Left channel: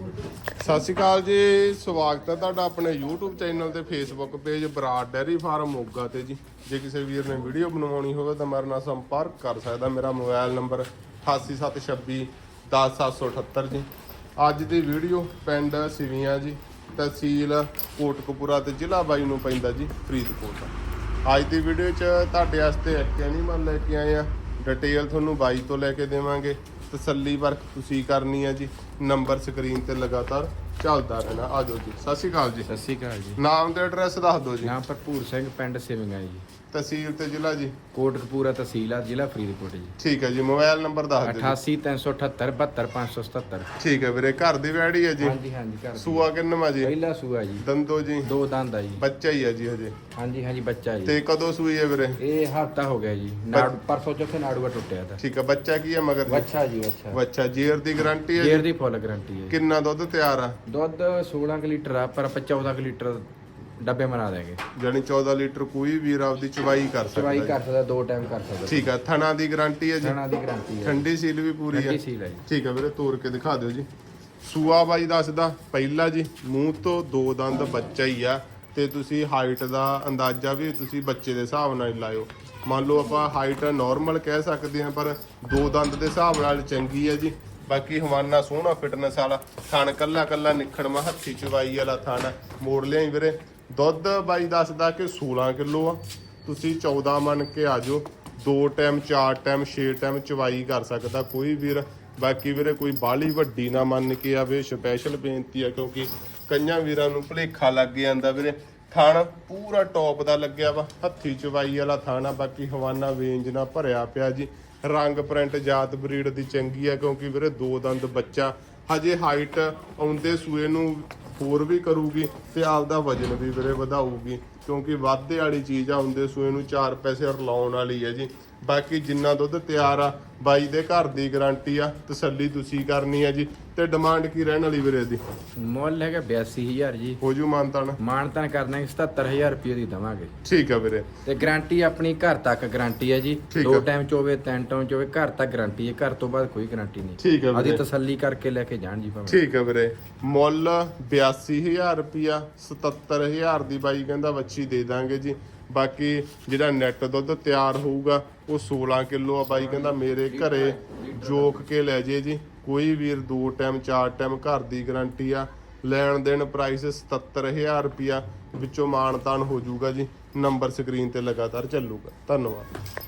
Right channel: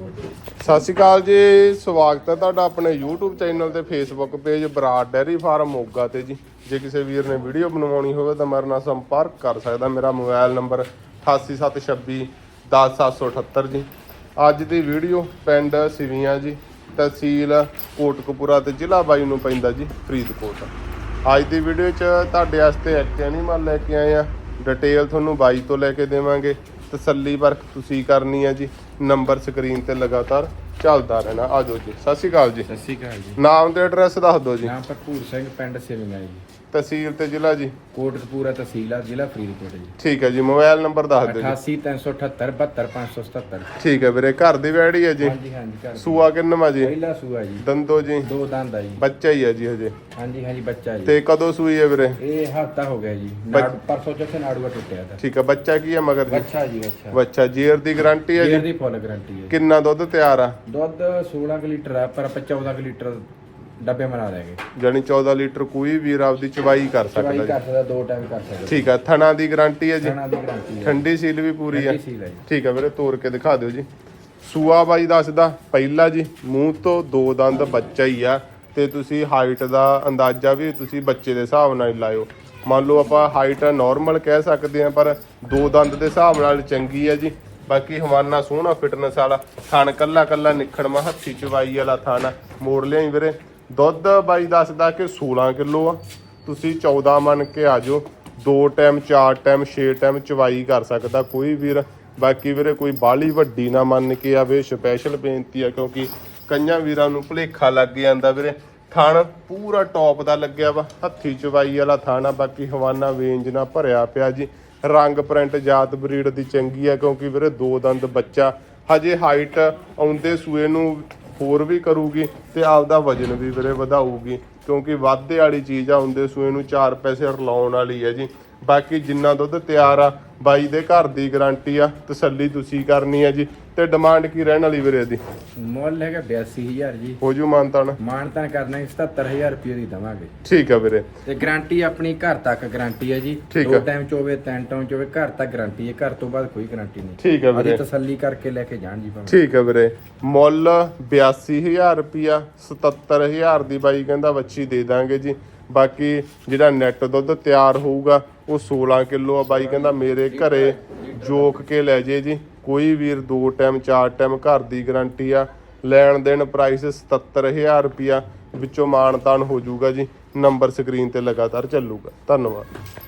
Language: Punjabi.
ਸਤਿ ਸ਼੍ਰੀ ਅਕਾਲ ਜੀ, ਸਵਾਗਤ ਹੈ ਤੁਹਾਡਾ ਆਪਣੇ YouTube ਚੈਨਲ ਤੇ Facebook page Brar dairy farm Moga ਤੇ ਜੀ। ਜੇ ਕਿਸੇ ਵੀਰ ਨੇ ਵੀਡੀਓ ਬਣਵਾਉਣੀ ਹੋਵੇ ਤਾਂ ਮੇਰੇ ਨਾਲ ਸੰਪਰਕ ਕਰ ਸਕਦਾ। ਮੇਰਾ ਮੋਬਾਈਲ ਨੰਬਰ 8876 10778 ਜੀ। ਅੱਜ ਦੀ ਵੀਡੀਓ ਪਿੰਡ ਸਿਵੀਆਂ ਜੀ, ਤਹਿਸੀਲ ਕੋਟਕਪੂਰਾ ਤੇ ਜ਼ਿਲ੍ਹਾ ਬਾਈ ਨੂੰ ਪੈਂਦਾ ਜੀ, ਫਰੀਦਕੋਟ। ਅੱਜ ਦੀ ਵੀਡੀਓ 'ਚ ਤੁਹਾਡੇ ਵਾਸਤੇ ਇੱਕ ਐਨੀਮਲ ਲੈ ਕੇ ਆਏ ਆ ਡਿਟੇਲ ਤੁਹਾਨੂੰ ਬਾਈ ਤੋਂ ਲੈ ਕੇ ਦੇਵਾਂਗੇ। ਤਸੱਲੀ ਵਰਕ ਤੁਸੀਂ ਕਰਨੀ ਆ ਜੀ। ਨੰਬਰ ਸਕਰੀਨ ਤੇ ਲਗਾਤਾਰ ਚੱਲਦਾ ਰਹਿਣਾ। ਆਜੋ ਜੀ। ਸਤਿ ਸ਼੍ਰੀ ਅਕਾਲ ਜੀ। ਸਤਿ ਸ਼੍ਰੀ ਅਕਾਲ ਜੀ। ਨਾਮ ਤੇ ਐਡਰੈਸ ਦੱਸ ਦਿਓ ਜੀ। ਨਾਮ ਭਰਪੂਰ ਸਿੰਘ ਪਿੰਡ ਸਿਵਿੰਗਾ ਜੀ। ਤਹਿਸੀਲ ਤੇ ਜ਼ਿਲ੍ਹਾ ਜੀ। ਕੋਟਕਪੂਰਾ ਤਹਿਸੀਲ ਆ ਜ਼ਿਲ੍ਹਾ ਫਰੀਦਕੋਟ ਜੀ। ਠੀਕ ਹੈ ਜੀ। ਮੋਬਾਈਲ ਨੰਬਰ ਦੱਸ ਦਿਓ ਜੀ। 88378 72577 ਠੀਕ ਹੈ ਵੀਰੇ ਘਰ ਦੀ ਵੈੜੀ ਹੈ ਜੀ। ਹਾਂਜੀ ਹਾਂਜੀ ਘਰ ਸੂਆ ਕਿੰਨਵਾ ਜੀ? ਪਹਿਲਾ ਸੂਆ ਜੀ। ਦੰਦੋ ਜੀ। ਦੋ ਦੰਦ ਆ ਜੀ। ਬੱਚਾ ਹੀ ਹੈ ਜੀ ਹਜੇ। ਹਾਂਜੀ ਹਾਂਜੀ ਬੱਚਾ ਜੀ। ਤੇ ਕਦੋਂ ਸੂਈ ਹੈ ਵੀਰੇ? ਇਹ ਹਫਤਾ ਹੋ ਗਿਆ ਜੀ। ਨਾੜ ਪਰਸੋਂ ਚੌਥੇ ਨਾੜੂਆ ਟੁੱਟਿਆ ਤਾਂ। ਠੀਕ ਹੈ ਬੱਚਾ ਕੀ ਹੈ ਮਗਰ ਜੀ? ਬੱਚਾ ਜੀ ਬੱਚਾ। ਬੱਚਾ ਜੀਰ ਦੀ ਗਾਰੰਟੀ ਹੈ ਜੇਰ ਜੀ ਦੀ ਫੁੱਲ ਗਰੰਟੀ ਹੈ। ਕਿੰਨਾ ਦੁੱਧ ਤਿਆਰ ਆ? ਦੁੱਧ 16 ਕੁ ਲੀਟਰ ਆ ਪਰ ਆਪਾਂ 14 ਕੁ ਲੀਟਰ ਡੱਬੇ ਬਣਾ ਲੈਗੇ ਜਾਨੀ 14 ਲੀਟਰ ਕੋਈ ਵੀਰ ਆਪਦੀ ਚਵਾਈ ਕਰ ਚਵਾਈ ਸਕਦਾ ਕਰ ਸਕਦਾ ਦੋ ਟਾਈਮ ਕਰ ਸਕਦਾ। ਠੀਕ ਹੈ ਥਣਾ ਦੀ ਗਾਰੰਟੀ ਹੈ ਜੀ। ਖਾਣਾ ਦੀ ਗਰੰਟੀ ਹੈ। ਠੰਡੀ ਸੀਲ ਵੀ ਪੂਰੀ ਹੈ ਠੰਡੀ ਸੀਲ ਹੈ ਜੀ। ਠੀਕ ਹੈ ਵੀਰੇ ਤੋੜ ਕੇ ਦਿਖਾ ਦਿਓ ਜੀ। ਸੂਆ ਬਾਈ ਦੱਸਦਾ ਪਹਿਲਾ ਜੀ ਮੂੰਹ ਤੋਂ ਦੋ ਦੰਦ ਬੱਚਾ ਹੀ ਆ ਤੇ ਤੁਸੀਂ ਹਾਈਟ ਦਾ ਅੰਦਾਜ਼ਾ ਵੀ ਤੁਸੀਂ ਬੱਚੇ ਦੇ ਹਿਸਾਬ ਨਾਲ ਹੀ ਲਾਇਓ। ਮੰਨ ਲਓ ਆਪਾਂ ਹਾਈਟ ਨਾਰਮਲ ਕਹਿ ਸਕਦੇ ਆ ਪਰ ਦੋ ਦੰਦ ਦੇ ਹਿਸਾਬ ਨਾਲ ਚੰਗੀ ਆ ਜੀ। ਬਾਕੀ ਹਵਾਨਾ ਸੋਹਣਾ ਫਿਟਨੈਸ ਵਾਲਾ। ਥਣ ਕੱਲਾ ਕੱਲਾ ਨਿਖੜਵਾ ਹੱਥੀ ਚਵਾਈ ਵਾਲਾ ਥਣ ਮੋੜ ਲਿਆਈ ਵੀਰੇ। ਦੁੱਧ ਬਾਈ ਦੱਸਦਾ ਕਿ 16 ਕਿਲੋ ਆ। ਤੁਸੀਂ 14 ਮੰਨ ਕੇ ਆ ਜਾਓ। ਦੋ ਟਾਈਮ ਚਾਰ ਟਾਈਮ ਛੇ ਟਾਈਮ ਚਵਾਈ ਕਰ ਸਕਦਾ ਕੋਈ ਵੀਰ। ਬਾਕੀ ਵੀਰੇ ਕੋਈ ਬਾਲੀ ਵੱਡੀ ਨਾ ਮੰਨ ਕੇ ਆਵੇ। ਸਪੈਸ਼ਲ ਬੇਨਤੀ ਆ ਕਿਉਂਕਿ ਕਈਆਂ ਵੀਰਾਂ ਨੂੰ ਭੁਲੇਖਾ ਲੱਗ ਜਾਂਦਾ ਵੀਰੇ। ਥਣ ਪੂਰਾ ਟੌਪ ਦਾ ਲੱਗਿਆ ਵਾ। ਹੱਥੀ ਚਵਾਈ ਵਾਲਾ ਥਣ ਆ ਬਾਕੀ ਹਵਾਨਾ ਵੇਂਜ ਨਾਲ ਭਰਿਆ ਪਿਆ ਜੀ। ਰੰਗ ਪ੍ਰਿੰਟ ਜਾਤ ਬਰੀਡ ਦੀ ਚੰਗੀ ਆ, ਕਿਉਂਕਿ ਵੀਰੇ ਦੋ ਦੰਦ ਬੱਚਾ। ਹਜੇ ਹਾਈਟ ਆਉਂਦੇ ਸੂਏ ਨੂੰ ਹੋਰ ਵੀ ਕਰੂਗੀ ਤੇ ਆਪਦਾ ਵਜਨ ਵੀ ਵੀਰੇ ਵਧਾਊਗੀ। ਕਿਉਂਕਿ ਵਾਧੇ ਵਾਲੀ ਚੀਜ਼ ਆ ਹੁੰਦੇ ਸੂਏ ਨੂੰ ਚਾਰ ਪੈਸੇ ਰਲਾਉਣ ਵਾਲੀ ਹੈ ਜੀ। ਬਾਕੀ ਜਿੰਨਾ ਦੁੱਧ ਤਿਆਰ ਆ ਬਾਈ ਦੇ ਘਰ ਦੀ ਗਾਰੰਟੀ ਆ ਤਸੱਲੀ ਤੁਸੀਂ ਕਰਨੀ ਆ ਜੀ। ਤੇ ਡਿਮਾਂਡ ਕੀ ਰਹਿਣ ਵਾਲੀ ਵੀਰੇ ਦੀ ਮੁੱਲ ਹੈਗਾ 82000 ਜੀ। ਹੋ ਜੂ ਮਾਨਤਾਨ ਮਾਨਤਾਨ ਕਰਨਾ ਹੈ 77000 ਰੁਪਏ ਦੀ ਦਵਾਂਗੇ। ਠੀਕ ਆ ਵੀਰੇ। ਤੇ ਗਾਰੰਟੀ ਆਪਣੀ ਘਰ ਤੱਕ ਗਾਰੰਟੀ ਹੈ ਜੀ। ਦੋ। ਟਾਈਮ ਚ ਹੋਵੇ ਤਿੰਨ ਟਾਈਮ ਚ ਹੋਵੇ ਘਰ ਤੱਕ ਗਾਰੰਟੀ ਹੈ ਘਰ ਤੋਂ ਬਾਅਦ ਕੋਈ ਗਾਰੰਟੀ ਨਹੀਂ। ਠੀਕ ਅਜੀ ਵੀਰੇ। ਤਸੱਲੀ ਕਰਕੇ ਲੈ ਕੇ ਜਾਣ ਜੀ ਭਾਵੇਂ। ਠੀਕ ਹੈ ਵੀਰੇ। ਮੁੱਲ 82000 ਰੁਪਿਆ 77000 ਦੀ ਬਾਈ ਕਹਿੰਦਾ ਵੱਛੀ ਦੇ ਦਾਂਗੇ ਜੀ। ਬਾਕੀ ਜਿਹੜਾ ਨੈਟ ਦੁੱਧ ਤਿਆਰ ਹੋਊਗਾ, ਉਹ 16 ਕਿਲੋ ਆ ਬਾਈ, ਕਹਿੰਦਾ ਮੇਰੇ ਘਰੇ ਜੋਕ ਕੇ ਲੈ ਜੇ ਜੀ। ਕੋਈ ਵੀਰ ਦੋ ਟਾਈਮ ਚਾਰ ਟਾਈਮ ਘਰ ਦੀ ਗਾਰੰਟੀ ਆ। ਲੈਣ ਦੇਣ ਪ੍ਰਾਈਸ 77000 ਰੁਪਿਆ ਵਿੱਚੋਂ ਮਾਨਤਾਨ ਹੋ ਜਾਊਗਾ ਜੀ। ਨੰਬਰ ਸਕਰੀਨ ਤੇ ਲਗਾਤਾਰ ਚੱਲੂਗਾ। ਧੰਨਵਾਦ।